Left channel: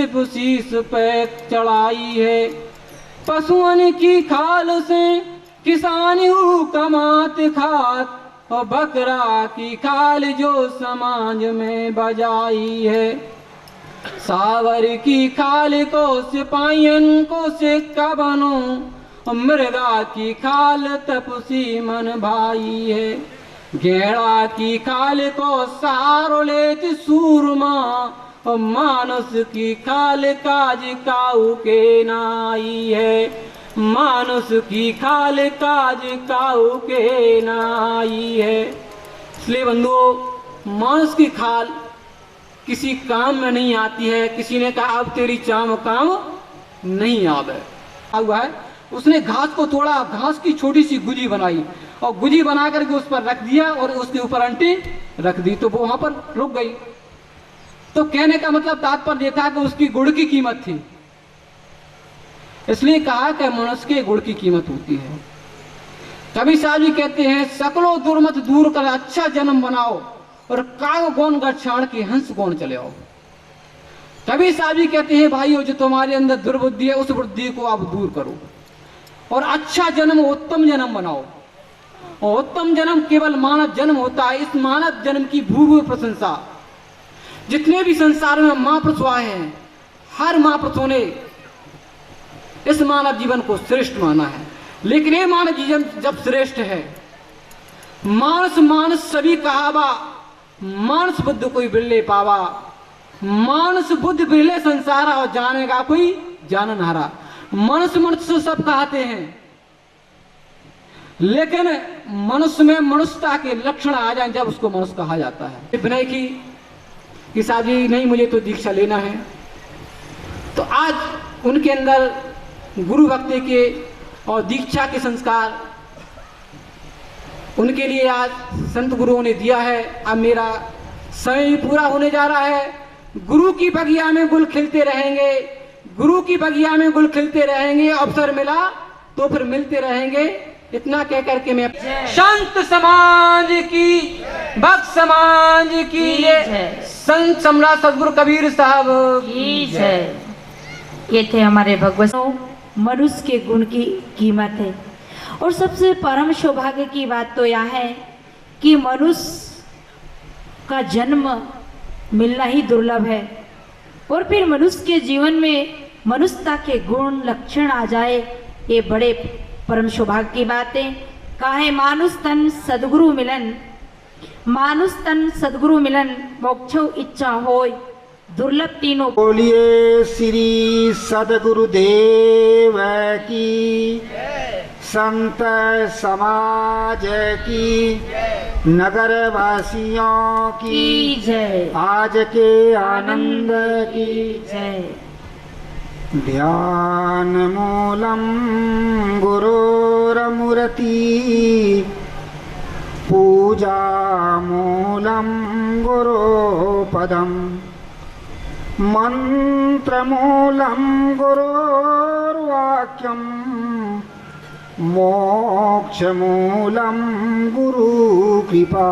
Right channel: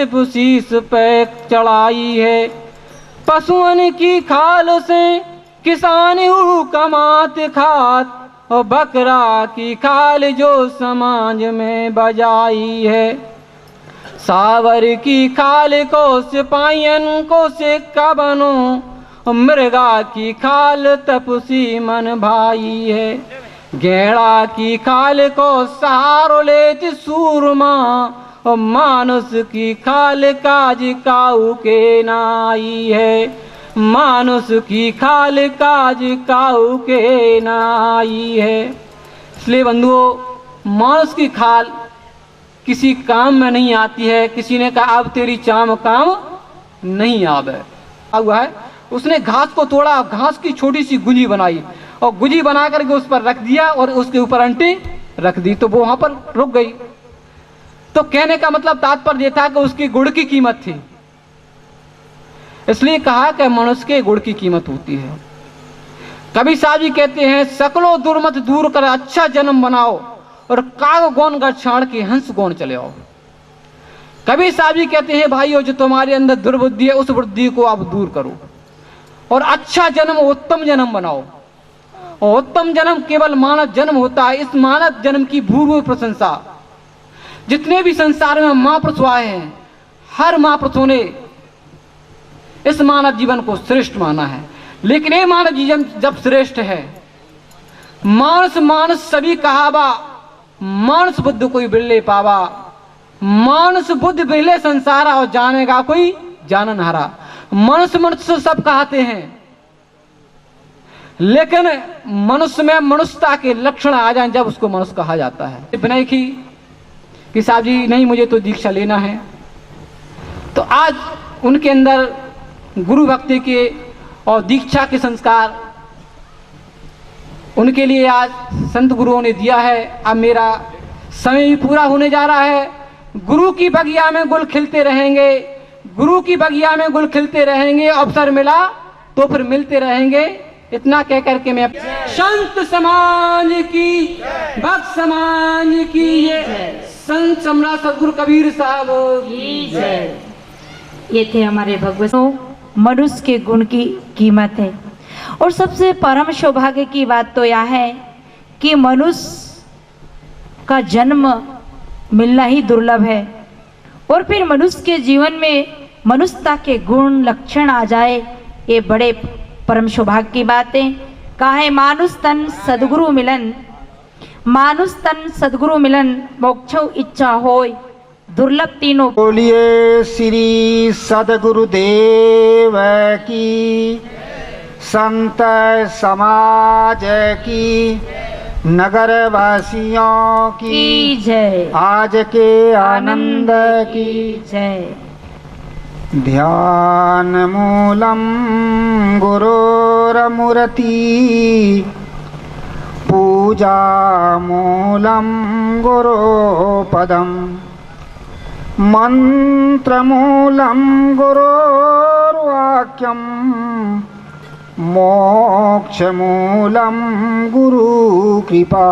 शीश पे चढ़ाई है, पशुओं की खाल से किसान कमात खात, और बकरा की खाल जो समाज में बजाई है। सावर की खाल को सिपाहियन को सिक्का बनो, मृगा की खाल तपसी मन भाई है। गेड़ा की खाल को सहारो लेत सूरमा, और मानुष की खाल काज काऊ के नाई है। मानुष की खाल काज काऊ के नाई है। इसलिए बंधुओं, मानुष की खाल किसी काम में नहीं आती है। किसी ने कहा अब तेरी चाम काम नहीं आवे हुआ है। उसने घास को तोड़ा, घास की छोटी सी गुजी बनाई और गुजी बना करके उस पर रख दिया और उसके ऊपर अंटी रख दी, तो वो वहां पर रुक गई। तो कहने का मतलब तात्पर्य यह था कि उसकी गुड़ की कीमत थी, इसलिए कहा कि मनुष्य के गुड़ की कीमत होती है। कबीर साहब जी कहते हैं, सकलो दुर्मत दूर कर अच्छा जन्म बनाओ, और काग गौन गच्छाण के हंस गौन चले आओ। कबीर साहब जी कहते हैं, भाइयों जो तुम्हारे अंदर दुर्बुद्धि है उस बुद्धि को आप दूर करो और अच्छा जन्म उत्तम जन्म बनाओ। और उत्तम जन्म केवल मानव जन्म होता है। इस मानव जन्म की भूमि प्रशंसा, जितने भी संसार में महापुरुष आए हैं, हर महापुरुषों ने इस मानव जीवन को श्रेष्ठ माना है। लेकिन ये मानव जीवन जब श्रेष्ठ है, मानस मानस सभी कहावा, मानस बुद्ध कोई बिरले पावा। मानस बुद्ध बिरले संसारा, और जानेगा कोई जानन हारा। मनुष्य मनुष्य सब कहते हैं, लेकिन मनुष्य में मनुष्यता के लक्षण आ जाए जब उसको मनुष्य कहा जाता है। विनय की कि साहब जी नहीं, मुझे तो दीक्षा लेना है, तो आज उनके अंदर गुरु भक्ति के और दीक्षा के संस्कार उनके लिए आज संत गुरुओं ने दिया है। अब मेरा समय भी पूरा होने जा रहा है। गुरु की बगिया में गुल खिलते रहेंगे, गुरु की बगिया में गुल खिलते रहेंगे। अवसर मिला तो फिर मिलते रहेंगे। इतना कह करके मैं संत समाज की, भक्त समाज की, ये संत सम्राट सदगुरु कबीर साहब की जय। ये थे हमारे भगवत। मनुष्य के गुण की कीमत है, और सबसे परम सौभाग्य की बात तो यह है कि मनुष्य का जन्म मिलना ही दुर्लभ है, और फिर मनुष्य के जीवन में मनुष्यता के गुण लक्षण आ जाए, ये बड़े परम सौभाग्य की बात है। कहा है मानुष तन सदगुरु मिलन, मानुष तन सदगुरु मिलन, मोक्षो इच्छा होय, दुर्लभ तीनों। बोलिए श्री सदगुरुदेव की, संत समाज की, नगर वासियों की जय, आज के आनंद की जय। ध्यान मूलम गुरुरमूर्ति, पूजा मूलम गुरुपदम, मंत्रमूलं गुरोर्वाक्यं, मोक्षमूलं गुरुकृपा।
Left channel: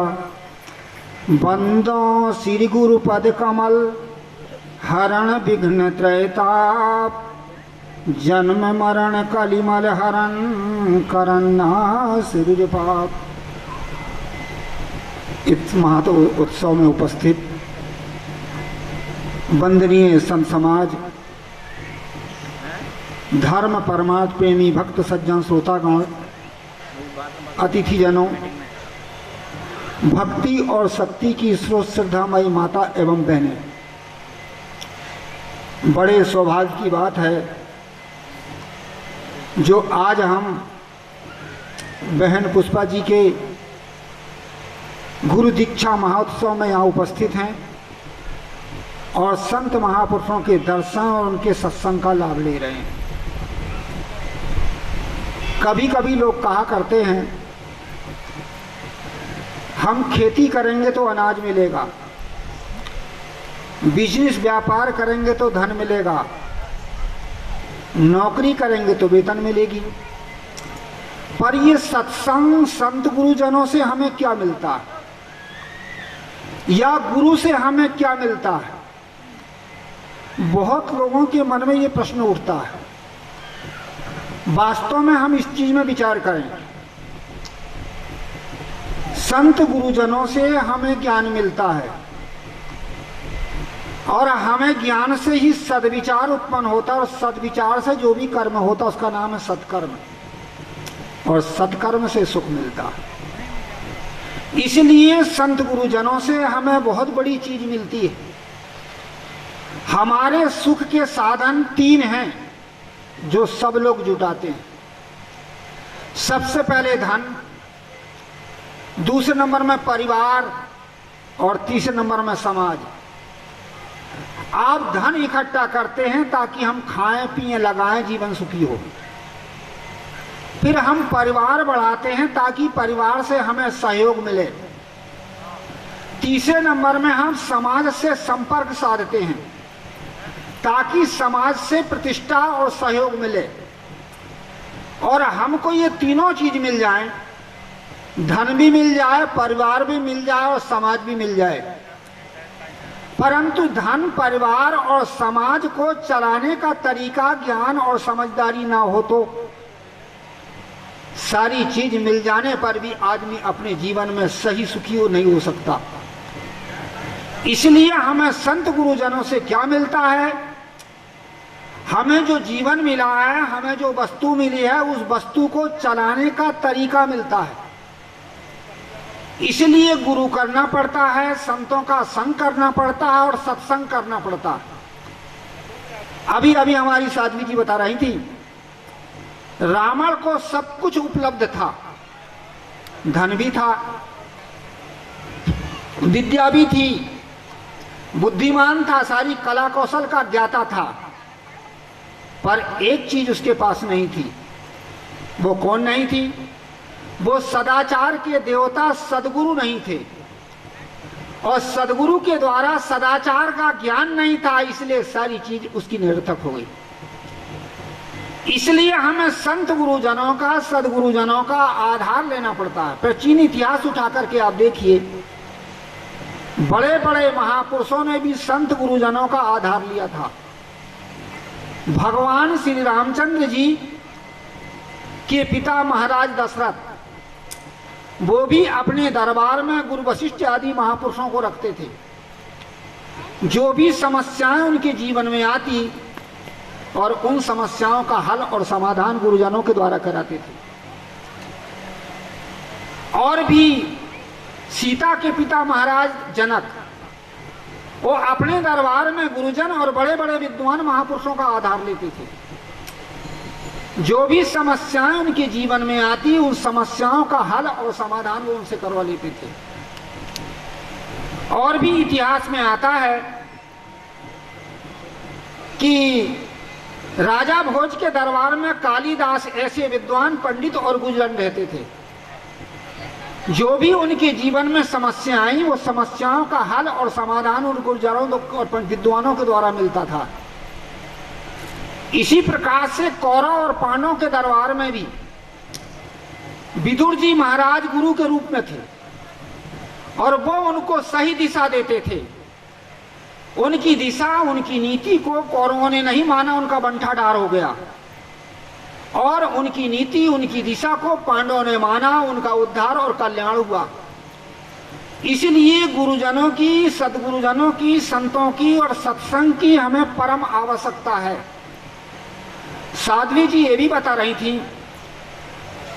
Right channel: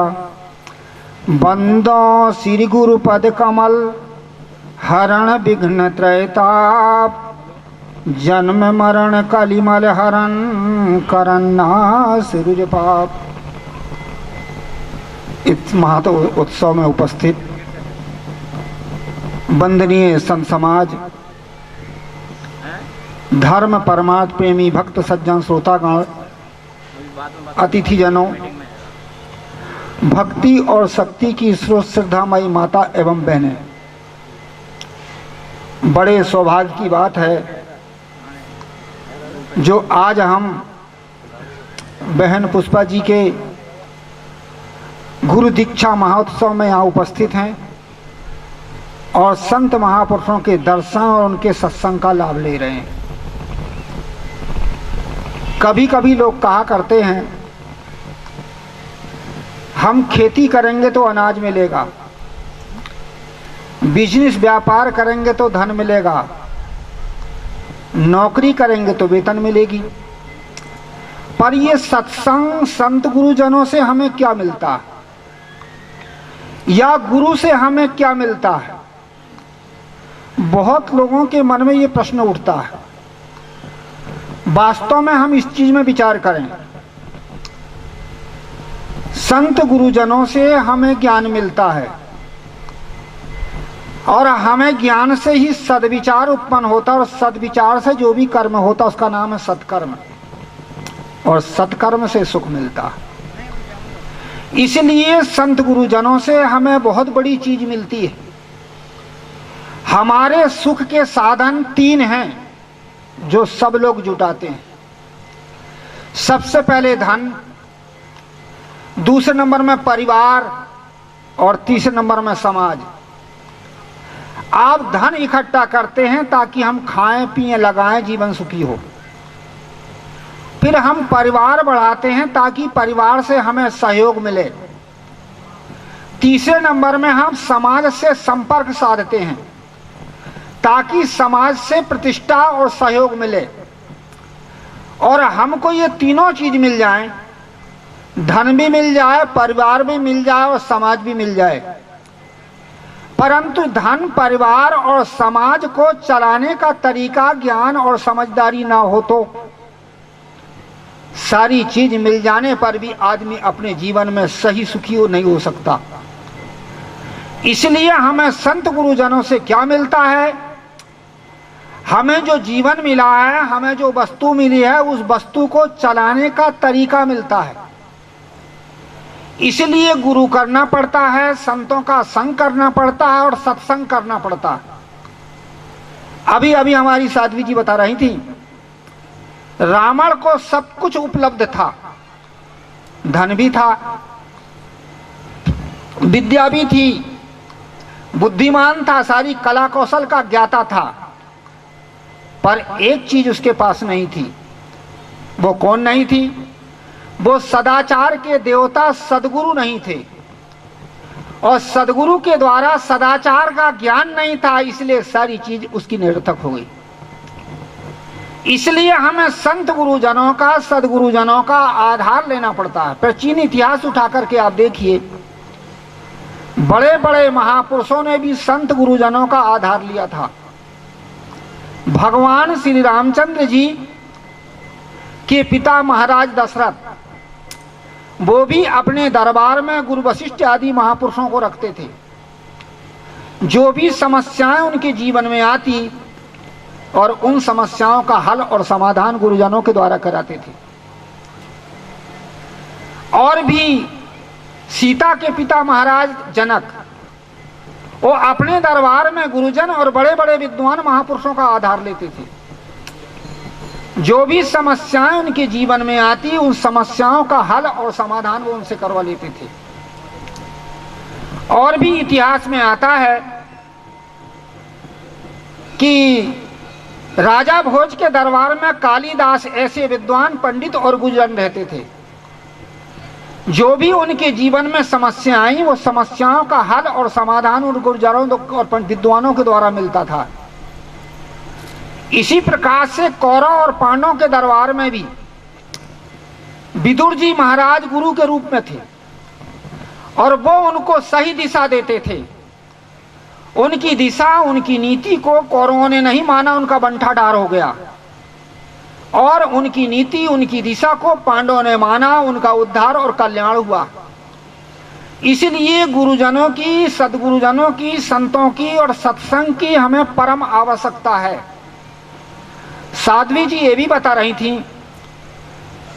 बंदो श्री गुरुपद कमल, हरण विघ्न त्रयताप, जन्म मरण कलिमल हरण, करन्नाश पाप। इस महत उत्सव में उपस्थित वंदनीय संत समाज, धर्म परमार्थ प्रेमी भक्त सज्जन श्रोतागण, अतिथिजनों, भक्ति और शक्ति की स्रोत श्रद्धामयी माता एवं बहनें, बड़े सौभाग्य की बात है जो आज हम बहन पुष्पा जी के गुरु दीक्षा महोत्सव में यहाँ उपस्थित हैं और संत महापुरुषों के दर्शन और उनके सत्संग का लाभ ले रहे हैं। कभी कभी लोग कहा करते हैं हम खेती करेंगे तो अनाज मिलेगा, बिजनेस व्यापार करेंगे तो धन मिलेगा, नौकरी करेंगे तो वेतन मिलेगी। पर ये सत्संग संत गुरुजनों से हमें क्या मिलता है, या गुरु से हमें क्या मिलता है? बहुत लोगों के मन में ये प्रश्न उठता है, वास्तव में हम इस चीज में विचार करें, संत गुरुजनों से हमें ज्ञान मिलता है और हमें ज्ञान से ही सद्विचार उत्पन्न होता है और सद्विचार से जो भी कर्म होता है उसका नाम है सत्कर्म, और सत्कर्म से सुख मिलता है। इसलिए संत गुरुजनों से हमें बहुत बड़ी चीज मिलती है। हमारे सुख के साधन 3 हैं जो सब लोग जुटाते हैं। सबसे पहले धन, दूसरे नंबर में परिवार और तीसरे नंबर में समाज। आप धन इकट्ठा करते हैं ताकि हम खाएं पिएं लगाएं जीवन सुखी हो। फिर हम परिवार बढ़ाते हैं ताकि परिवार से हमें सहयोग मिले। तीसरे नंबर में हम समाज से संपर्क साधते हैं ताकि समाज से प्रतिष्ठा और सहयोग मिले। और हमको ये तीनों चीज मिल जाए, धन भी मिल जाए, परिवार भी मिल जाए और समाज भी मिल जाए, परंतु धन, परिवार और समाज को चलाने का तरीका ज्ञान और समझदारी ना हो तो सारी चीज मिल जाने पर भी आदमी अपने जीवन में सही सुखी नहीं हो सकता। इसलिए हमें संत गुरुजनों से क्या मिलता है? हमें जो जीवन मिला है, हमें जो वस्तु मिली है, उस वस्तु को चलाने का तरीका मिलता है। इसलिए गुरु करना पड़ता है, संतों का संग करना पड़ता है और सत्संग करना पड़ता है। अभी अभी हमारी साध्वी जी बता रही थी, रावण को सब कुछ उपलब्ध था, धन भी था, विद्या भी थी, बुद्धिमान था, सारी कला कौशल का ज्ञाता था, पर एक चीज उसके पास नहीं थी। वो कौन नहीं थी? वो सदाचार के देवता सदगुरु नहीं थे और सदगुरु के द्वारा सदाचार का ज्ञान नहीं था, इसलिए सारी चीज उसकी निरर्थक हो गई। इसलिए हमें संत गुरुजनों का, सदगुरुजनों का आधार लेना पड़ता है। प्राचीन इतिहास उठा करके आप देखिए, बड़े बड़े महापुरुषों ने भी संत गुरुजनों का आधार लिया था। भगवान श्री रामचंद्र जी के पिता महाराज दशरथ, वो भी अपने दरबार में गुरु वशिष्ठ आदि महापुरुषों को रखते थे। जो भी समस्याएं उनके जीवन में आती और उन समस्याओं का हल और समाधान गुरुजनों के द्वारा कराते थे। और भी सीता के पिता महाराज जनक, वो अपने दरबार में गुरुजन और बड़े बड़े विद्वान महापुरुषों का आधार लेते थे। जो भी समस्याएं उनके जीवन में आती, उन समस्याओं का हल और समाधान वो उनसे करवा लेते थे। और भी इतिहास में आता है कि राजा भोज के दरबार में कालिदास ऐसे विद्वान पंडित और गुरुजन रहते थे। जो भी उनके जीवन में समस्या आई, वो समस्याओं का हल और समाधान उन गुरुजनों और विद्वानों के द्वारा मिलता था। इसी प्रकार से कौरव और पांडवों के दरबार में भी विदुर जी महाराज गुरु के रूप में थे और वो उनको सही दिशा देते थे। उनकी दिशा, उनकी नीति को कौरवों ने नहीं माना, उनका बंटाढार हो गया, और उनकी नीति, उनकी दिशा को पांडवों ने माना, उनका उद्धार और कल्याण हुआ। इसलिए गुरुजनों की, सदगुरुजनों की, संतों की और सत्संग की हमें परम आवश्यकता है। साध्वी जी ये भी बता रही थी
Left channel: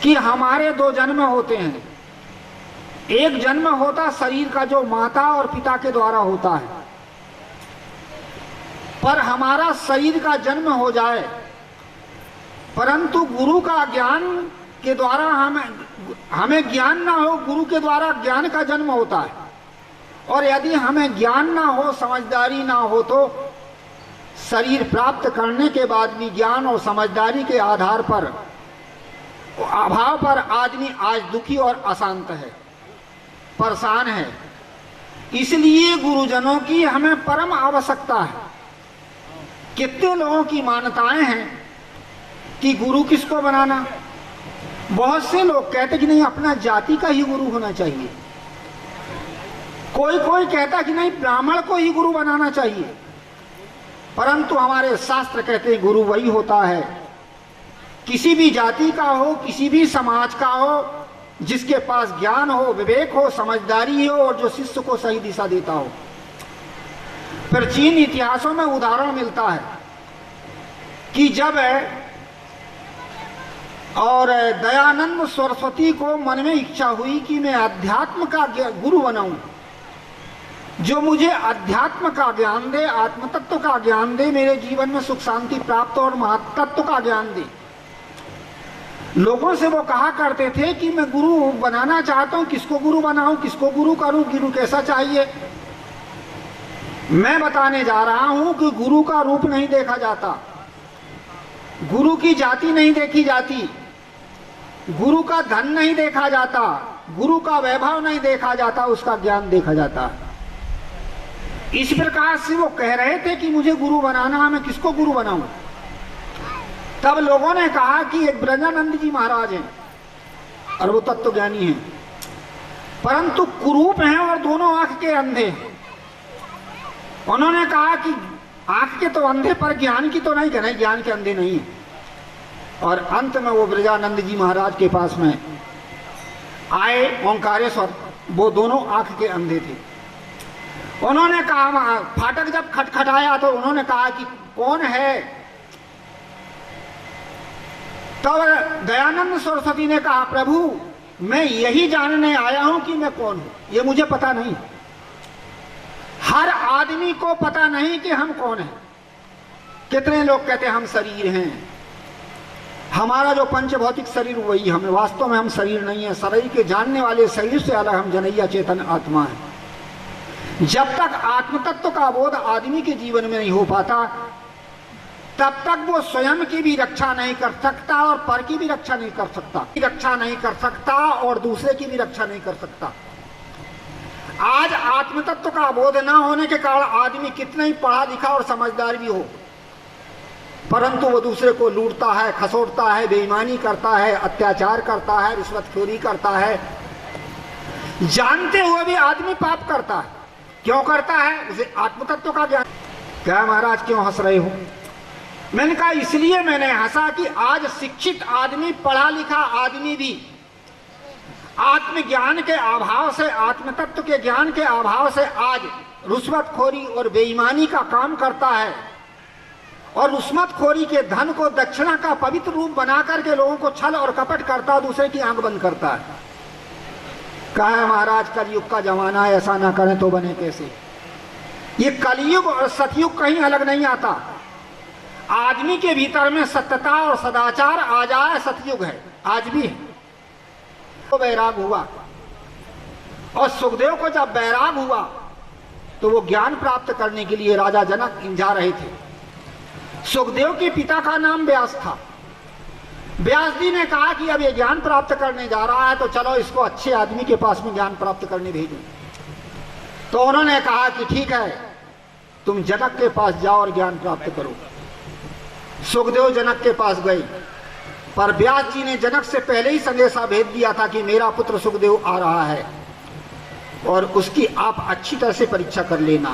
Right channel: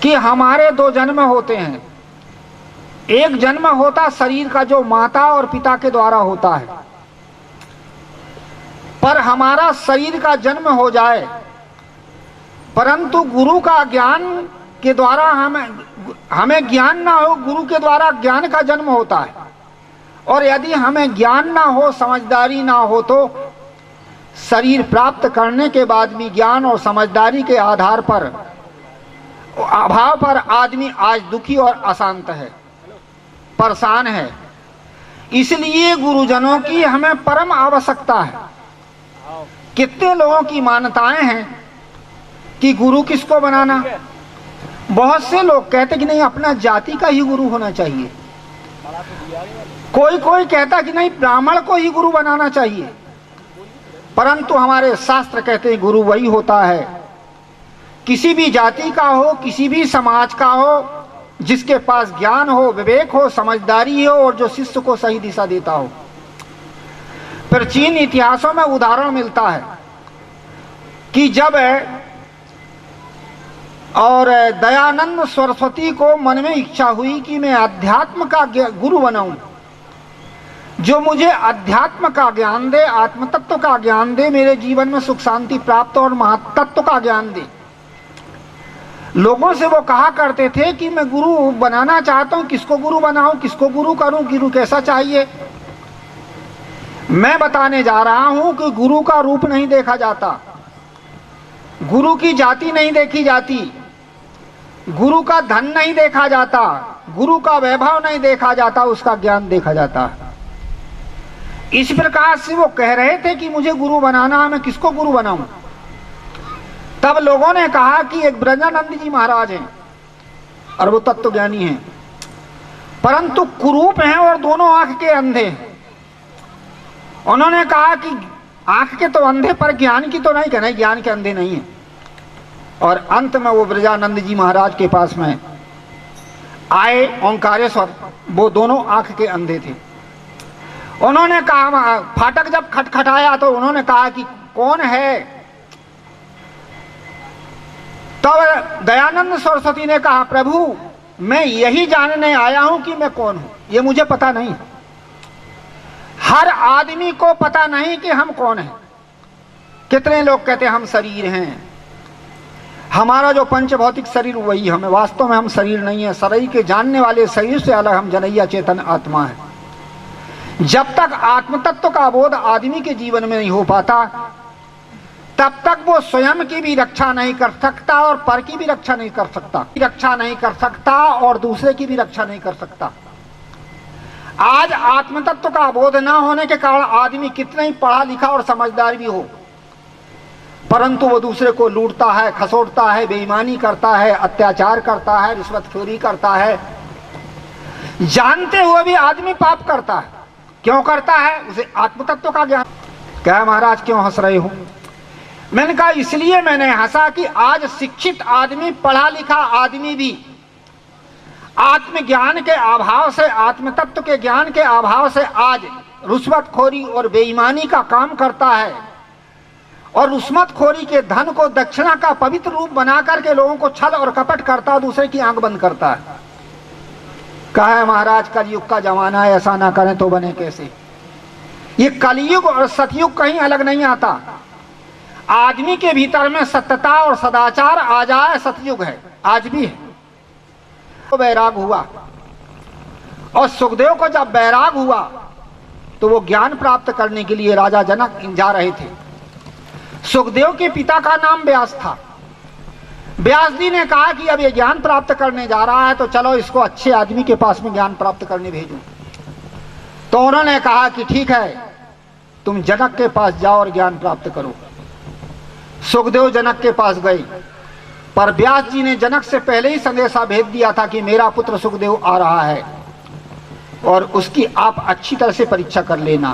कि हमारे 2 जन्म होते हैं। एक जन्म होता शरीर का, जो माता और पिता के द्वारा होता है, पर हमारा शरीर का जन्म हो जाए, परंतु गुरु का ज्ञान के द्वारा हमें ज्ञान ना हो, गुरु के द्वारा ज्ञान का जन्म होता है। और यदि हमें ज्ञान ना हो, समझदारी ना हो, तो शरीर प्राप्त करने के बाद भी ज्ञान और समझदारी के आधार पर, अभाव पर आदमी आज दुखी और अशांत है, परेशान है। इसलिए गुरुजनों की हमें परम आवश्यकता है। कितने लोगों की मान्यताएं हैं कि गुरु किसको बनाना। बहुत से लोग कहते कि नहीं, अपना जाति का ही गुरु होना चाहिए। कोई कहता कि नहीं, ब्राह्मण को ही गुरु बनाना चाहिए। परंतु हमारे शास्त्र कहते हैं गुरु वही होता है, किसी भी जाति का हो, किसी भी समाज का हो, जिसके पास ज्ञान हो, विवेक हो, समझदारी हो और जो शिष्य को सही दिशा देता हो। प्राचीन इतिहासों में उदाहरण मिलता है कि जब और दयानंद सरस्वती को मन में इच्छा हुई कि मैं अध्यात्म का गुरु बनाऊं, जो मुझे अध्यात्म का ज्ञान दे, आत्म तत्व का ज्ञान दे, मेरे जीवन में सुख शांति प्राप्त और महातत्व का ज्ञान दे। लोगों से वो कहा करते थे कि मैं गुरु बनाना चाहता हूं, किसको गुरु बनाऊं, किसको गुरु करूं, गुरु कैसा चाहिए। मैं बताने जा रहा हूं कि गुरु का रूप नहीं देखा जाता, गुरु की जाति नहीं देखी जाती, गुरु का धन नहीं देखा जाता, गुरु का वैभव नहीं देखा जाता, उसका ज्ञान देखा जाता है। इस प्रकार से वो कह रहे थे कि मुझे गुरु बनाना है, मैं किसको गुरु बनाऊं। तब लोगों ने कहा कि एक ब्रजानंद जी महाराज हैं और वो तत्व ज्ञानी हैं, परंतु कुरूप हैं और दोनों आंख के अंधे हैं। उन्होंने कहा कि आंख के तो अंधे पर ज्ञान की तो नहीं, कहना ज्ञान के अंधे नहीं है। और अंत में वो ब्रजानंद जी महाराज के पास में आए ओंकारेश्वर, वो दोनों आंख के अंधे थे। उन्होंने कहा, फाटक जब खटखटाया तो उन्होंने कहा कि कौन है। तब दयानंद सरस्वती ने कहा, प्रभु मैं यही जानने आया हूं कि मैं कौन हूं, ये मुझे पता नहीं। हर आदमी को पता नहीं कि हम कौन हैं। कितने लोग कहते हैं हम शरीर हैं, हमारा जो पंच भौतिक शरीर वही हमें, वास्तव में हम शरीर नहीं है। शरीर के जानने वाले शरीर से अलग हम जनैया चेतन आत्मा है। जब तक आत्म तत्व का बोध आदमी के जीवन में नहीं हो पाता, तब तक वो स्वयं की भी रक्षा नहीं कर सकता और पर की भी रक्षा नहीं कर सकता, और दूसरे की भी रक्षा नहीं कर सकता। आज आत्म तत्व का बोध न होने के कारण आदमी कितना ही पढ़ा लिखा और समझदार भी हो, परंतु वो दूसरे को लूटता है, खसोटता है, बेईमानी करता है, अत्याचार करता है, रिश्वतखोरी करता है। जानते हुए भी आदमी पाप करता है। क्यों करता है? उसे आत्म तत्व का ज्ञान। क्या महाराज क्यों हंस रहे हो? मैंने कहा इसलिए मैंने हंसा कि आज शिक्षित आदमी, पढ़ा लिखा आदमी भी आत्मज्ञान के अभाव से, आत्म तत्व के ज्ञान के अभाव से आज रुश्वतखोरी और बेईमानी का काम करता है, और रुश्वतखोरी के धन को दक्षिणा का पवित्र रूप बना करके लोगों को छल और कपट करता, दूसरे की आंख बंद करता है। कहा है महाराज कलयुग का जमाना है, ऐसा ना करें तो बने कैसे। ये कलयुग और सतयुग कहीं अलग नहीं आता। आदमी के भीतर में सत्यता और सदाचार आ जाए, सतयुग है, आज भी है। तो वैराग हुआ, और सुखदेव को जब वैराग हुआ तो वो ज्ञान प्राप्त करने के लिए राजा जनक जा रहे थे। सुखदेव के पिता का नाम व्यास था। व्यास जी ने कहा कि अब ये ज्ञान प्राप्त करने जा रहा है, तो चलो इसको अच्छे आदमी के पास में ज्ञान प्राप्त करने भेजो। तो उन्होंने कहा कि ठीक है, तुम जनक के पास जाओ और ज्ञान प्राप्त करो। सुखदेव जनक के पास गए, पर व्यास जी ने जनक से पहले ही संदेशा भेज दिया था कि मेरा पुत्र सुखदेव आ रहा है और उसकी आप अच्छी तरह से परीक्षा कर लेना।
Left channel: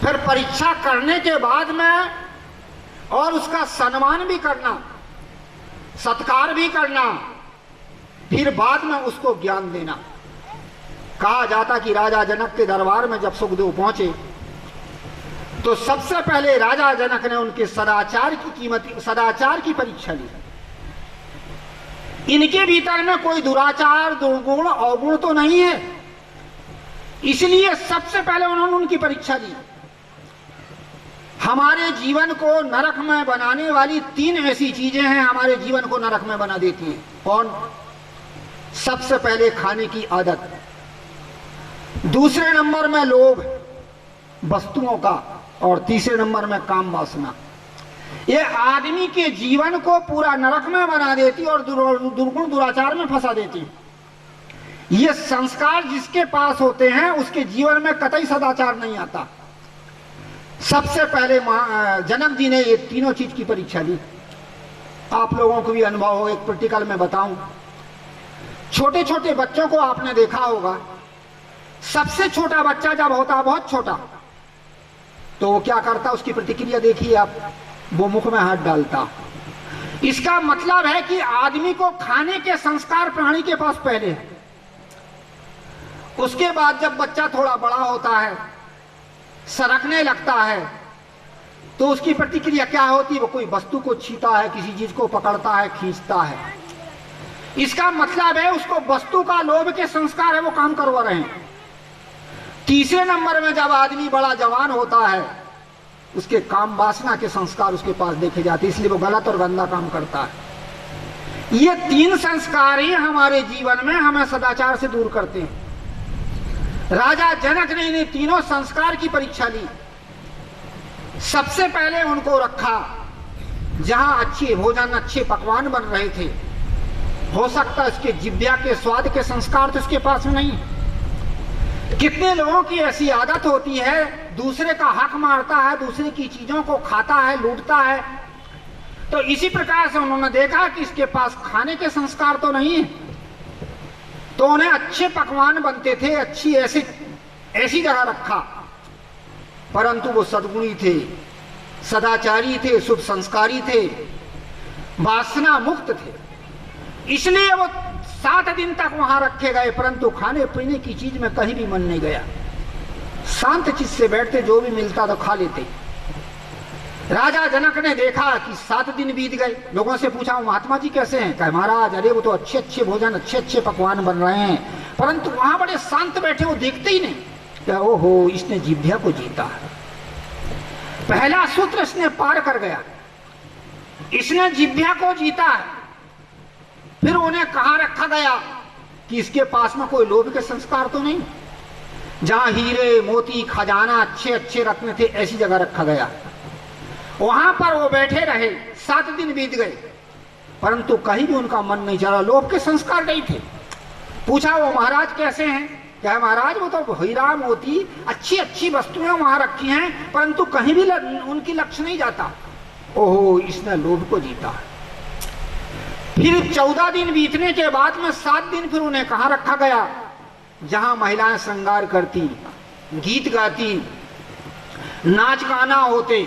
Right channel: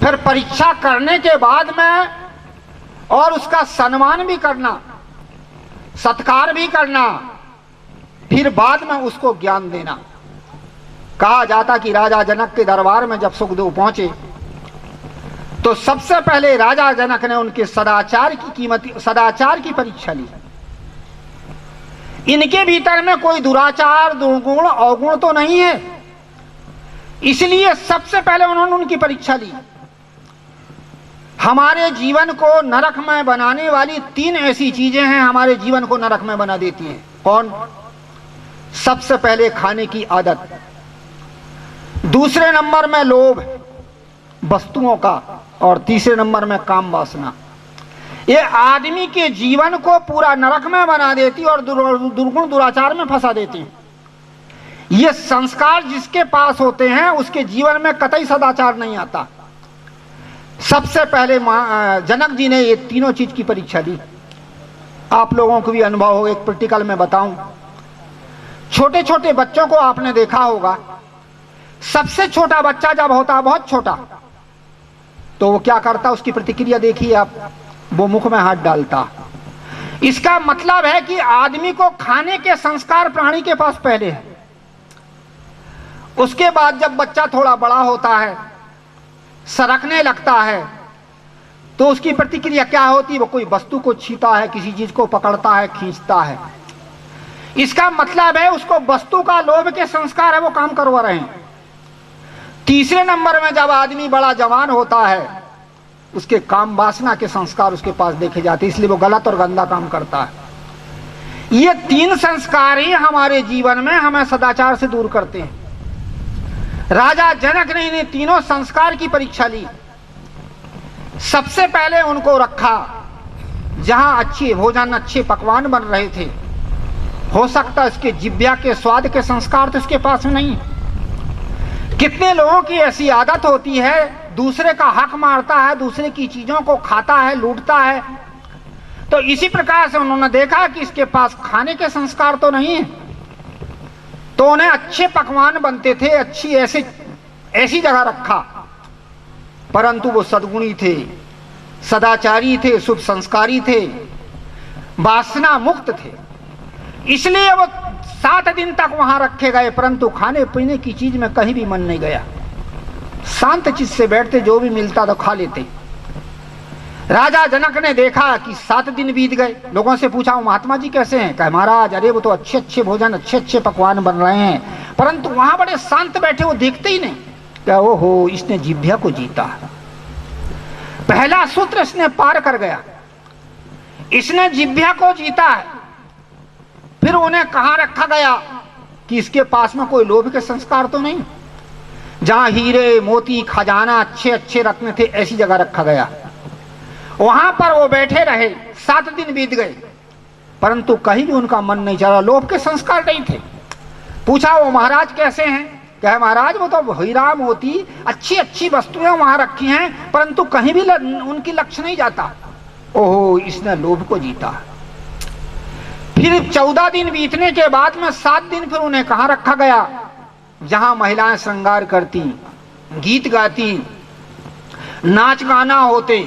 फिर परीक्षा करने के बाद में और उसका सम्मान भी करना, सत्कार भी करना, फिर बाद में उसको ज्ञान देना। कहा जाता कि राजा जनक के दरबार में जब सुखदेव पहुंचे तो सबसे पहले राजा जनक ने उनके सदाचार की परीक्षा ली। इनके भीतर में कोई दुराचार, दुर्गुण, अवगुण तो नहीं है, इसलिए सबसे पहले उन्होंने उनकी परीक्षा ली। हमारे जीवन को नरक में बनाने वाली 3 ऐसी चीजें हैं, हमारे जीवन को नरक में बना देती हैं। कौन? सबसे पहले खाने की आदत, दूसरे नंबर में लोभ वस्तुओं का, और तीसरे नंबर में काम वासना। ये आदमी के जीवन को पूरा नरक में बना देती और दुर्गुण दुराचार में फंसा देती। ये संस्कार जिसके पास होते हैं उसके जीवन में कतई सदाचार नहीं आता। सबसे पहले जनक जी ने ये तीनों चीज की परीक्षा ली। आप लोगों को भी अनुभव हो, एक प्रैक्टिकल में बताऊं। छोटे छोटे बच्चों को आपने देखा होगा, सबसे छोटा बच्चा जब होता है बहुत छोटा, तो वो क्या करता, उसकी प्रतिक्रिया देखिए आप, वो मुख में हाथ डालता। इसका मतलब है कि आदमी को खाने के संस्कार प्राणी के पास पहले है। उसके बाद जब बच्चा थोड़ा बड़ा होता है, सरकने लगता है, तो उसकी प्रतिक्रिया क्या होती है, वो कोई वस्तु को छीता है, किसी चीज को पकड़ता है, खींचता है। इसका मतलब है उसको वस्तु का लोभ के संस्कार है, वो काम करवा रहे हैं। तीसरे नंबर में जब आदमी बड़ा जवान होता है, उसके काम वासना के संस्कार उसके पास देखे जाते, इसलिए वो गलत और गंदा काम करता है। ये 3 संस्कार ही हमारे जीवन में हमें सदाचार से दूर करते हैं। राजा जनक ने इन्हें तीनों संस्कार की परीक्षा ली। सबसे पहले उनको रखा जहां अच्छे भोजन, अच्छे पकवान बन रहे थे। हो सकता है इसके जिह्वा के स्वाद के संस्कार तो इसके पास नहीं। कितने लोगों की ऐसी आदत होती है, दूसरे का हक मारता है, दूसरे की चीजों को खाता है, लूटता है। तो इसी प्रकार से उन्होंने देखा कि इसके पास खाने के संस्कार तो नहीं है, तो उन्हें अच्छे पकवान बनते थे, अच्छी ऐसी जगह रखा। परंतु वो सद्गुणी थे, सदाचारी थे, शुभ संस्कारी थे, वासना मुक्त थे, इसलिए वो 7 दिन तक वहां रखे गए। परंतु खाने पीने की चीज में कहीं भी मन नहीं गया, शांत चित्त से बैठते, जो भी मिलता तो खा लेते। राजा जनक ने देखा कि 7 दिन बीत गए। लोगों से पूछा, महात्मा जी कैसे हैं? कहा, महाराज अरे वो तो अच्छे अच्छे भोजन, अच्छे अच्छे पकवान बन रहे हैं, परंतु वहां बड़े शांत बैठे, वो देखते ही नहीं। क्या ओहो, इसने जिह्वा को जीता, पहला सूत्र इसने पार कर गया, इसने जिह्वा को जीता है। फिर उन्हें कहां रखा गया कि इसके पास में कोई लोभ के संस्कार तो नहीं। जहां हीरे मोती खजाना अच्छे अच्छे रत्न थे, ऐसी जगह रखा गया। वहां पर वो बैठे रहे। 7 दिन बीत गए, परंतु कहीं भी उनका मन नहीं चला, लोभ के संस्कार नहीं थे। पूछा, वो महाराज कैसे हैं? क्या महाराज वो तो हीरा मोती अच्छी अच्छी वस्तुएं वहां रखी हैं, परंतु कहीं भी उनकी लक्ष्य नहीं जाता। ओहो, इसने लोभ को जीता। फिर 14 दिन बीतने के बाद में 7 दिन फिर उन्हें कहां रखा गया? जहां महिलाएं श्रृंगार करती, गीत गाती, नाच गाना होते,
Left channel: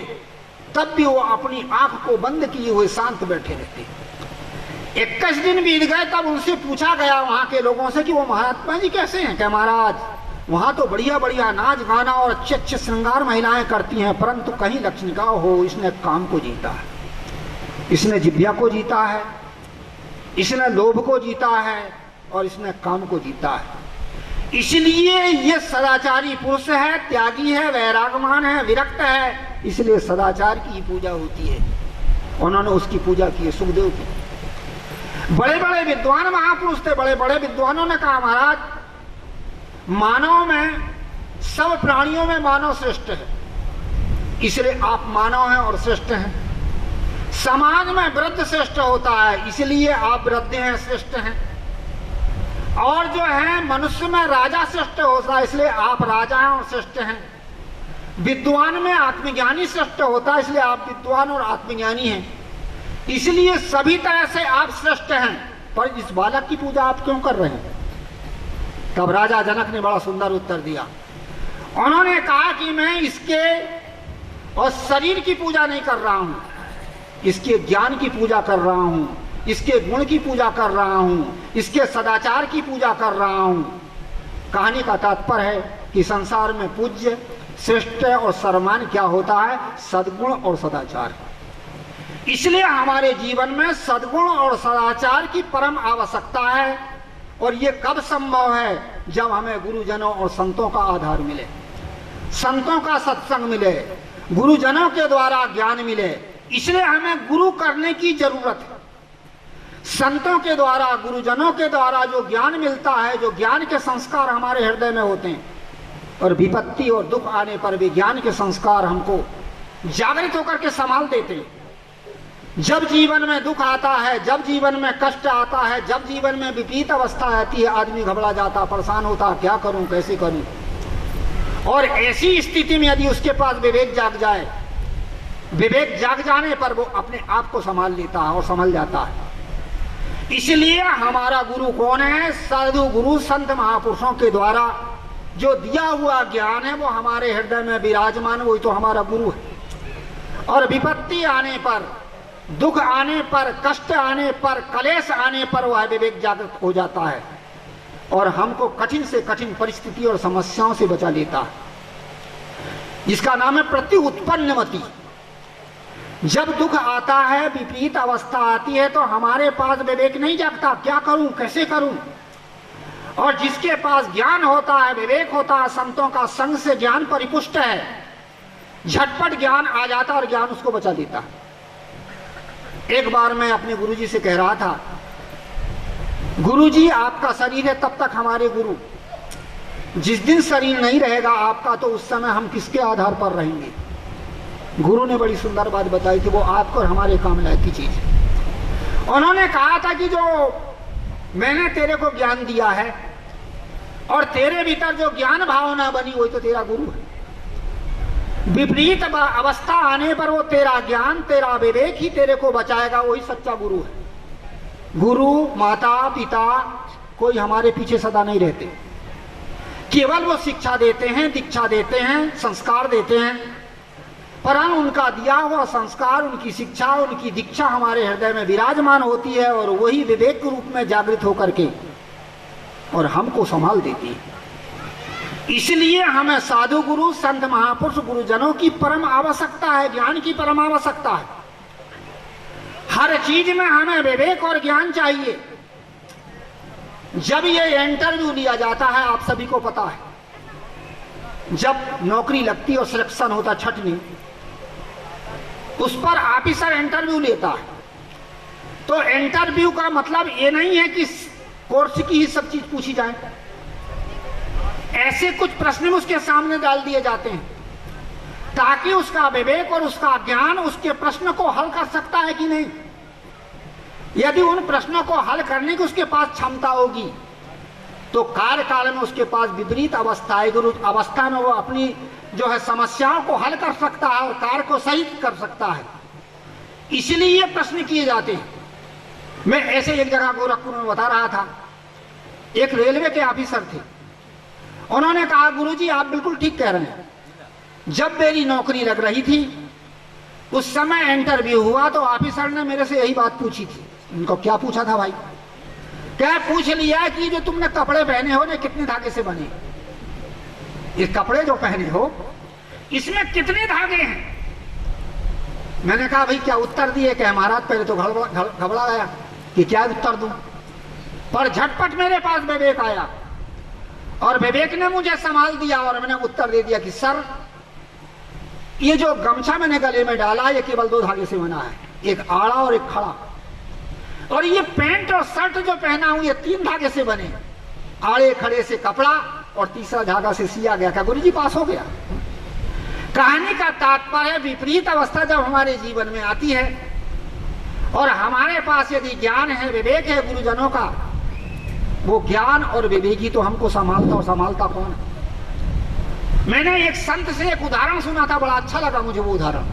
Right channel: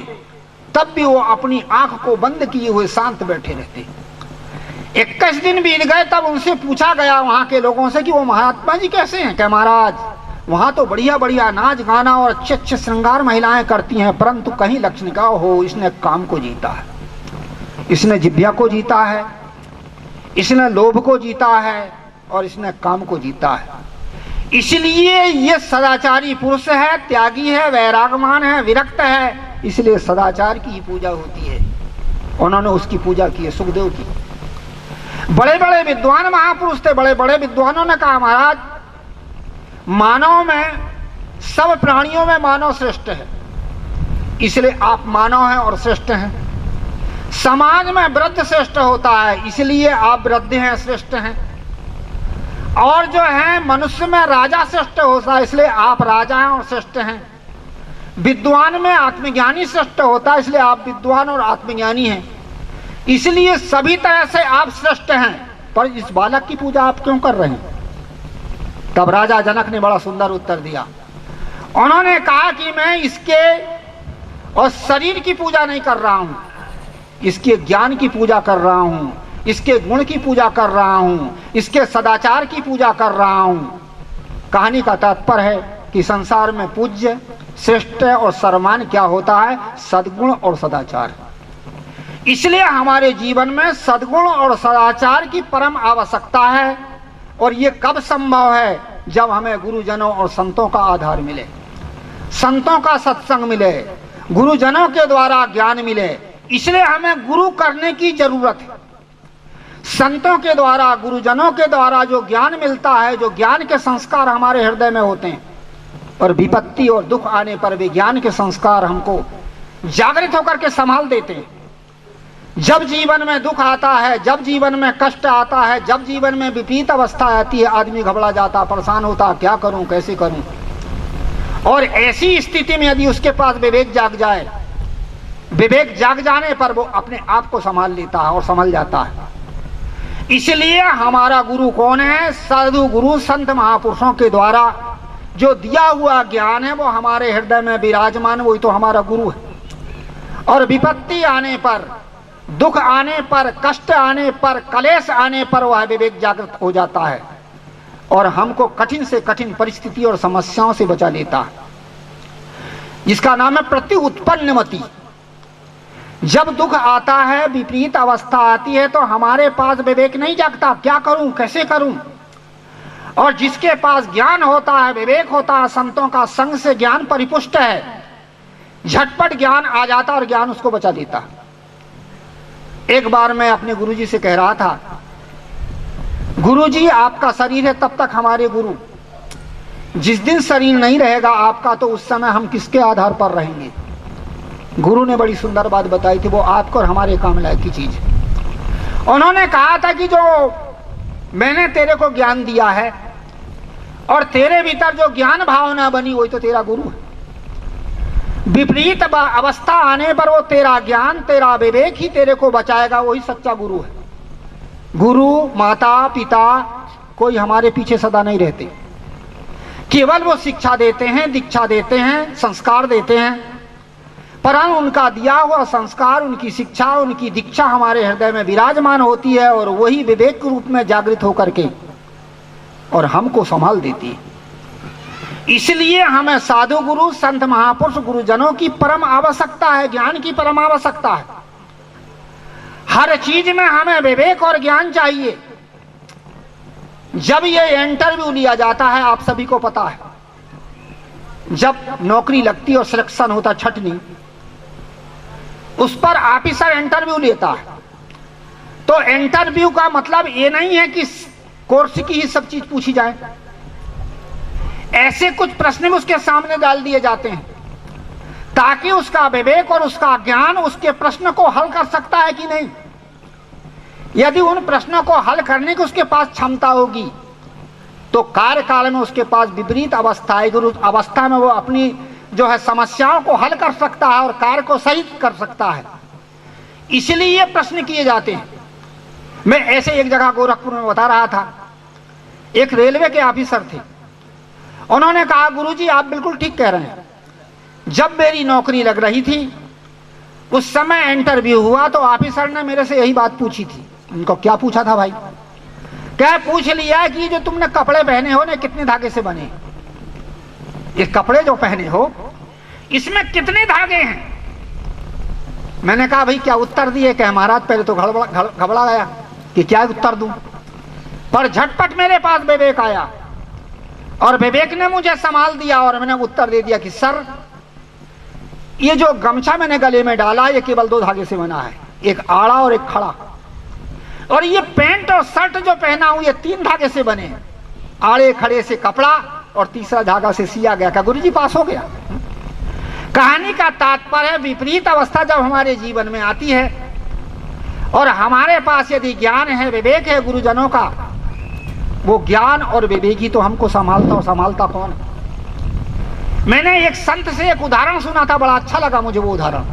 तब भी वो अपनी आंख को बंद किए हुए शांत बैठे रहते। 21 दिन बीत गए, तब उनसे पूछा गया वहां के लोगों से कि वो महात्मा जी कैसे हैं? क्या महाराज वहां तो बढ़िया बढ़िया नाच गाना और अच्छे अच्छे श्रृंगार महिलाएं करती हैं, परंतु कहीं लक्ष्य का हो, इसने काम को जीता है, इसने जिह्वा को जीता है, इसने लोभ को जीता है और इसने काम को जीता है। इसलिए ये सदाचारी पुरुष है, त्यागी है, वैरागमान है, विरक्त है, इसलिए सदाचार की पूजा होती है। उन्होंने उसकी पूजा की है, सुखदेव की। बड़े बड़े विद्वान महापुरुष थे, बड़े बड़े विद्वानों ने कहा, महाराज मानव में, सब प्राणियों में मानव श्रेष्ठ है, इसलिए आप मानव हैं और श्रेष्ठ हैं। समाज में वृद्ध श्रेष्ठ होता है, इसलिए आप वृद्ध हैं, श्रेष्ठ हैं। और जो है मनुष्य में राजा श्रेष्ठ होता है, इसलिए आप राजा हैं और श्रेष्ठ हैं। विद्वान में आत्मज्ञानी श्रेष्ठ होता है, इसलिए आप विद्वान और आत्मज्ञानी हैं। इसलिए सभी तरह से आप श्रेष्ठ हैं, पर इस बालक की पूजा आप क्यों कर रहे हैं? तब राजा जनक ने बड़ा सुंदर उत्तर दिया। उन्होंने कहा कि मैं इसके और शरीर की पूजा नहीं कर रहा हूं, इसके ज्ञान की पूजा कर रहा हूं, इसके गुण की पूजा कर रहा हूं, इसके सदाचार की पूजा कर रहा हूं। कहानी का तात्पर्य है कि संसार में पूज्य, श्रेष्ठ और सर्वमान क्या होता है? सद्गुण और सदाचार। इसलिए हमारे जीवन में सद्गुण और सदाचार की परम आवश्यकता है। और ये कब संभव है? जब हमें गुरुजनों और संतों का आधार मिले, संतों का सत्संग मिले, गुरुजनों के द्वारा ज्ञान मिले। इसलिए हमें गुरु करने की जरूरत है। संतों के द्वारा, गुरुजनों के द्वारा जो ज्ञान मिलता है, जो ज्ञान के संस्कार हमारे हृदय में होते हैं, और विपत्ति और दुख आने पर भी ज्ञान के संस्कार हमको जागृत होकर के संभाल देते हैं। जब जीवन में दुख आता है, जब जीवन में कष्ट आता है, जब जीवन में विपरीत अवस्था आती है, आदमी घबरा जाता, परेशान होता, क्या करूं, कैसे करूं। और ऐसी स्थिति में यदि उसके पास विवेक जाग जाए, विवेक जाग जाने पर वो अपने आप को संभाल लेता है और संभल जाता है। इसलिए हमारा गुरु कौन है? साधु गुरु संत महापुरुषों के द्वारा जो दिया हुआ ज्ञान है वो हमारे हृदय में विराजमान, वही तो हमारा गुरु है। और विपत्ति आने पर, दुख आने पर, कष्ट आने पर, कलेश आने पर वह विवेक जागृत हो जाता है और हमको कठिन से कठिन परिस्थिति और समस्याओं से बचा लेता है। इसका नाम है प्रति उत्पन्नमति। जब दुख आता है, विपरीत अवस्था आती है, तो हमारे पास विवेक नहीं जागता, क्या करूं, कैसे करूं। और जिसके पास ज्ञान होता है, विवेक होता है, संतों का संग से ज्ञान परिपुष्ट है, झटपट ज्ञान आ जाता और ज्ञान उसको बचा देता। एक बार मैं अपने गुरुजी से कह रहा था, गुरुजी आपका शरीर है तब तक हमारे गुरु, जिस दिन शरीर नहीं रहेगा आपका तो उस समय हम किसके आधार पर रहेंगे। गुरु ने बड़ी सुंदर बात बताई थी, वो आपको और हमारे काम लायक की चीज। उन्होंने कहा था कि जो मैंने तेरे को ज्ञान दिया है और तेरे भीतर जो ज्ञान भावना बनी वही तो तेरा गुरु है। विपरीत अवस्था आने पर वो तेरा ज्ञान, तेरा विवेक ही तेरे को बचाएगा, वही सच्चा गुरु है। गुरु, माता, पिता कोई हमारे पीछे सदा नहीं रहते, केवल वो शिक्षा देते हैं, दीक्षा देते हैं, संस्कार देते हैं, परंतु उनका दिया हुआ संस्कार, उनकी शिक्षा, उनकी दीक्षा हमारे हृदय में विराजमान होती है और वही विवेक के रूप में जागृत होकर के और हमको संभाल देती है। इसलिए हमें साधु गुरु, संत महापुरुष, गुरुजनों की परम आवश्यकता है, ज्ञान की परम आवश्यकता है। हर चीज में हमें विवेक और ज्ञान चाहिए। जब ये इंटरव्यू लिया जाता है, आप सभी को पता है, जब नौकरी लगती और सिलेक्शन होता छटनी, उस पर ऑफिसर इंटरव्यू लेता है। तो इंटरव्यू का मतलब ये नहीं है कि कोर्स की ही सब चीज पूछी जाए, ऐसे कुछ प्रश्न उसके सामने डाल दिए जाते हैं ताकि उसका विवेक और उसका ज्ञान उसके प्रश्न को हल कर सकता है कि नहीं। यदि उन प्रश्नों को हल करने की उसके पास क्षमता होगी तो कार्यकाल में उसके पास विपरीत अवस्था है, गुरु अवस्था में वो अपनी जो है समस्याओं को हल कर सकता है और कार्य को सही कर सकता है। इसलिए ये प्रश्न किए जाते हैं। मैं ऐसे एक जगह गोरखपुर में बता रहा था, एक रेलवे के ऑफिसर थे। उन्होंने कहा, गुरुजी आप बिल्कुल ठीक कह रहे हैं, जब मेरी नौकरी लग रही थी उस समय इंटरव्यू हुआ तो ऑफिसर ने मेरे से यही बात पूछी थी। उनको क्या पूछा था भाई? क्या पूछ लिया कि जो तुमने कपड़े पहने हो ने कितने धागे से बने, ये कपड़े जो पहने हो इसमें कितने धागे हैं। मैंने कहा भाई क्या उत्तर दिए? कहे महाराज पहले तो घबरा गया कि क्या उत्तर दूं, पर झटपट मेरे पास विवेक आया और विवेक ने मुझे संभाल दिया और मैंने उत्तर दे दिया कि सर ये जो गमछा मैंने गले में डाला ये केवल 2 धागे से बना है, एक आड़ा और एक खड़ा, और ये पैंट और शर्ट जो पहना हूं ये 3 धागे से बने, आड़े खड़े से कपड़ा और तीसरा धागा से सिया गया। क्या गुरुजी पास हो गया? कहानी का तात्पर्य है, विपरीत अवस्था जब हमारे जीवन में आती है और हमारे पास यदि ज्ञान है, विवेक है गुरुजनों का, वो ज्ञान और विवेक ही तो हमको संभालता, और संभालता कौन है? मैंने एक संत से एक उदाहरण सुना था, बड़ा अच्छा लगा मुझे वो उदाहरण।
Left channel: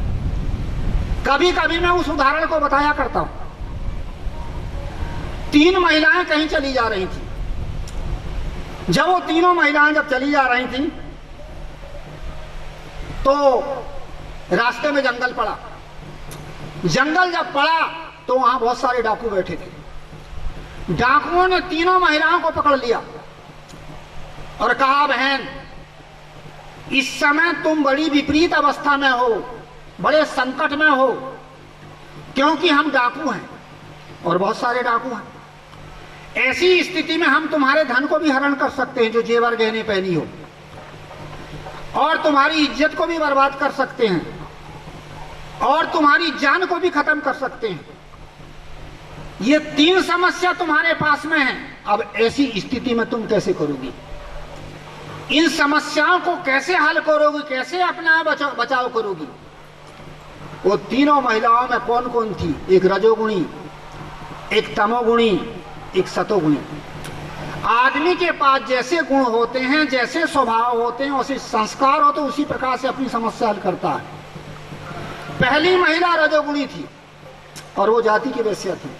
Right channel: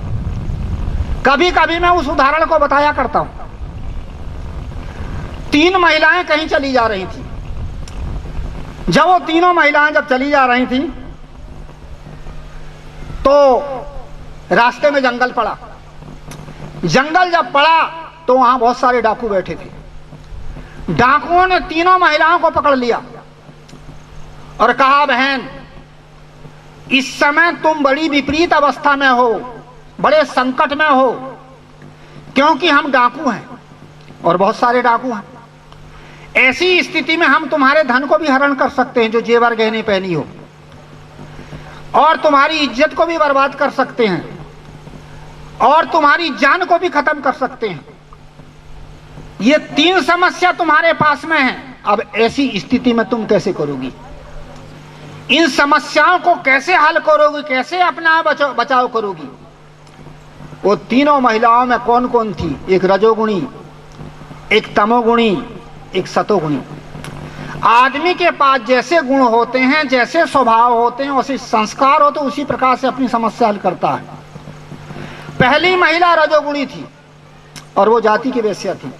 कभी कभी मैं उस उदाहरण को बताया करता हूं। 3 महिलाएं कहीं चली जा रही थी। जब वो तीनों महिलाएं जब चली जा रही थी तो रास्ते में जंगल पड़ा। जंगल जब पड़ा तो वहां बहुत सारे डाकू बैठे थे। डाकुओं ने तीनों महिलाओं को पकड़ लिया और कहा, बहन इस समय तुम बड़ी विपरीत अवस्था में हो, बड़े संकट में हो, क्योंकि हम डाकू हैं और बहुत सारे डाकू हैं। ऐसी स्थिति में हम तुम्हारे धन को भी हरण कर सकते हैं जो जेवर गहने पहनी हो, और तुम्हारी इज्जत को भी बर्बाद कर सकते हैं, और तुम्हारी जान को भी खत्म कर सकते हैं। ये 3 समस्या तुम्हारे पास में है। अब ऐसी स्थिति में तुम कैसे करोगी? इन समस्याओं को कैसे हल करोगी? कैसे अपना बचाव करोगी? वो तीनों महिलाओं में कौन कौन थी? एक रजोगुणी, एक तमोगुणी, एक सतोगुणी। आदमी के पास जैसे गुण होते हैं, जैसे स्वभाव होते हैं, वैसे संस्कार होते, उसी प्रकार से अपनी समस्या हल करता है। पहली महिला रजोगुणी थी और वो जाति की वेश्या थी।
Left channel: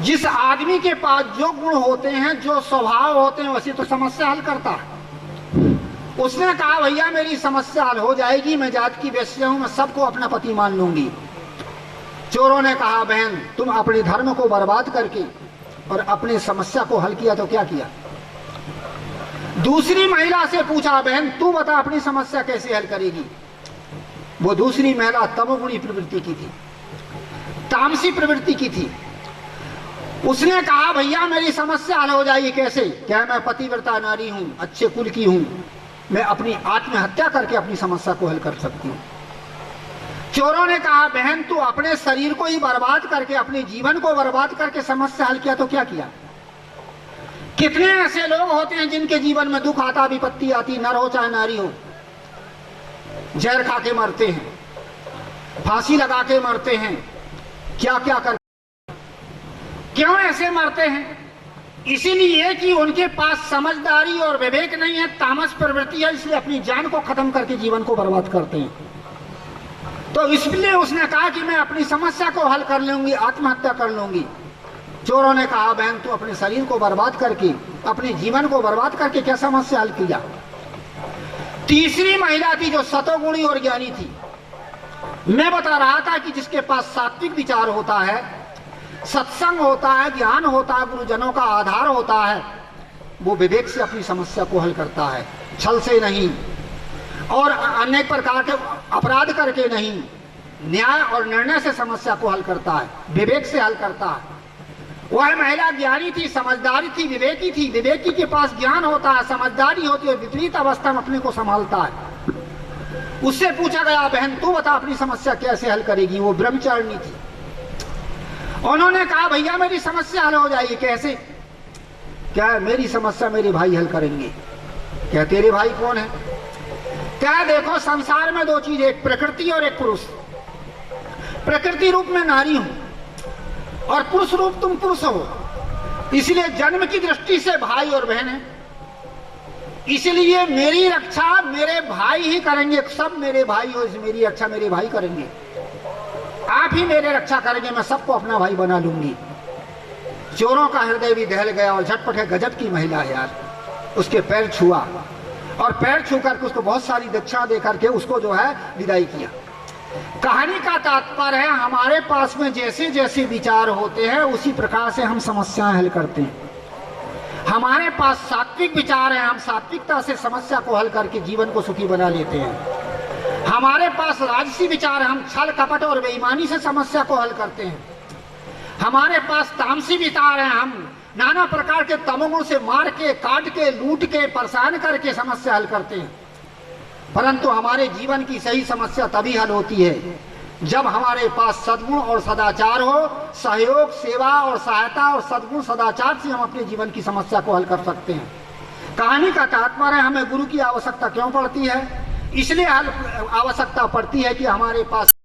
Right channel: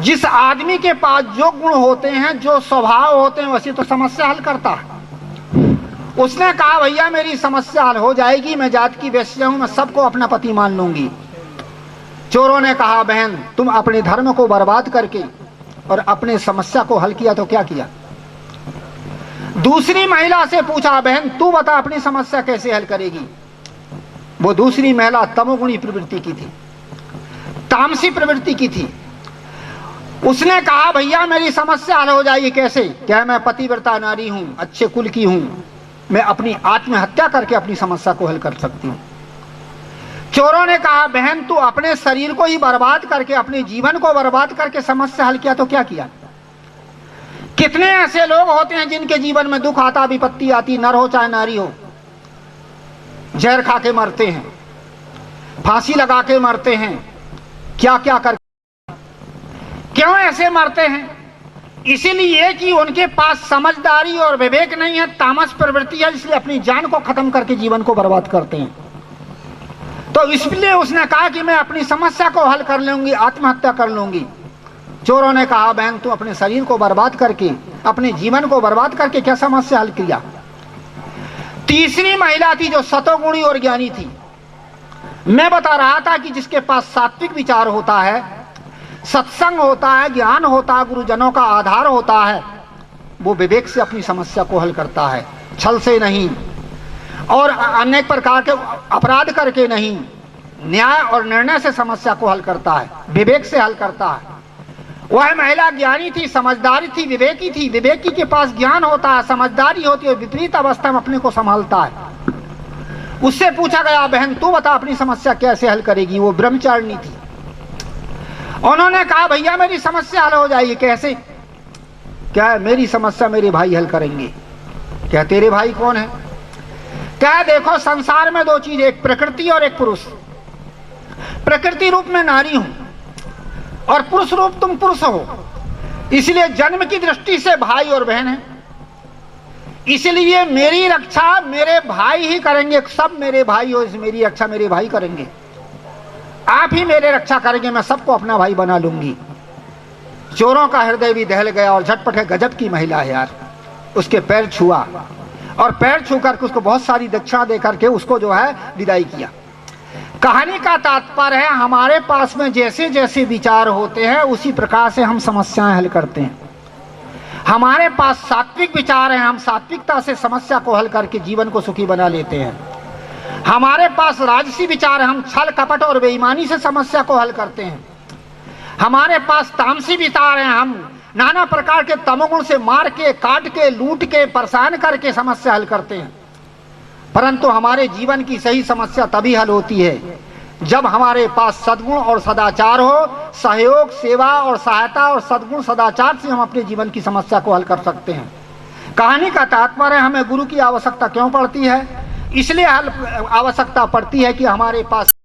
जिस आदमी के पास जो गुण होते हैं, जो स्वभाव होते हैं, वैसे तो समस्या हल करता है। उसने कहा भैया मेरी समस्या हल हो जाएगी, मैं जात की वेश्या हूं, मैं सबको अपना पति मान लूंगी। चोरों ने कहा बहन तुम अपने धर्म को बर्बाद करके और अपने समस्या को हल किया तो क्या किया। दूसरी महिला से पूछा बहन तू बता अपनी समस्या कैसे हल करेगी। वो दूसरी महिला तमोगुणी प्रवृत्ति की थी, तामसी प्रवृत्ति की थी। उसने कहा भैया मेरी समस्या हल हो जाएगी कैसे, क्या मैं पतिव्रता नारी हूं, अच्छे कुल की हूं, मैं अपनी आत्महत्या करके अपनी समस्या को हल कर सकती हूं। चोरों ने कहा बहन तू अपने शरीर को ही बर्बाद करके, अपने जीवन को बर्बाद करके समस्या हल किया तो क्या किया। कितने ऐसे लोग होते हैं जिनके जीवन में दुख आता, विपत्ति आती, नर हो चाहे नारी हो, जहर खा के मरते हैं, फांसी लगा के मरते हैं, क्या क्या कर। क्यों ऐसे मरते हैं? इसीलिए कि उनके पास समझदारी और विवेक नहीं है, तामस प्रवृत्ति है, इसलिए अपनी जान को खत्म करके जीवन को बर्बाद करते हैं। तो इसलिए उसने कहा कि मैं अपनी समस्या को हल कर लूंगी, आत्महत्या कर लूंगी। चोरों ने कहा बहन तू अपने शरीर को बर्बाद करके, अपने जीवन को बर्बाद करके क्या समस्या हल किया। तीसरी महिला थी जो सतोगुणी और ज्ञानी थी। मैं बता रहा था कि जिसके पास सात्विक विचार होता है, सत्संग होता है, ज्ञान होता है, गुरुजनों का आधार होता है, वो विवेक से अपनी समस्या को हल करता है, छल से नहीं और अनेक प्रकार के अपराध करके नहीं, न्याय और निर्णय से समस्या को हल करता है, विवेक से हल करता है। वह महिला ज्ञानी थी, समझदारी थी, विवेकी थी। विवेकी के पास ज्ञान होता है, समझदारी होती है, विपरीत अवस्था में अपने को संभालता है। उससे पूछा गया बहन तू बता अपनी समस्या कैसे हल करेगी। वो ब्रह्मचारिणी थी। उन्होंने कहा भैया मेरी समस्या हल हो जाएगी कैसे। क्या मेरी समस्या मेरे भाई हल करेंगे। क्या तेरे भाई कौन है। क्या देखो संसार में दो चीज, एक प्रकृति और एक पुरुष। प्रकृति रूप में नारी हूं और पुरुष रूप तुम पुरुष हो, इसलिए जन्म की दृष्टि से भाई और बहन है। इसलिए मेरी रक्षा मेरे भाई ही करेंगे, सब मेरे भाई हो, मेरी रक्षा मेरे भाई करेंगे, आप ही मेरे रक्षा करेंगे, मैं सबको अपना भाई बना लूंगी। चोरों का हृदय भी दहल गया और झटपट है, गजब की महिला है यार। उसके पैर छुआ और पैर छू करके उसको बहुत सारी दक्षिणा दे करके उसको जो है विदाई किया। कहानी का तात्पर्य है हमारे पास में जैसे जैसे विचार होते हैं उसी प्रकार से हम समस्याएं हल करते हैं। हमारे पास सात्विक विचार है, हम सात्विकता से समस्या को हल करके जीवन को सुखी बना लेते हैं। हमारे पास राजसी विचार है, हम छल कपट और बेईमानी से समस्या को हल करते हैं। हमारे पास तामसी विचार है, हम नाना प्रकार के तमोगुण से मार के, काट के, लूट के, परेशान करके समस्या हल करते हैं। परंतु हमारे जीवन की सही समस्या तभी हल होती है जब हमारे पास सद्गुण और सदाचार हो। सहयोग, सेवा और सहायता और सद्गुण सदाचार से हम अपने जीवन की समस्या को हल कर सकते हैं। कहानी का तात्पर्य हमें गुरु की आवश्यकता क्यों पड़ती है, इसलिए आवश्यकता पड़ती है कि हमारे पास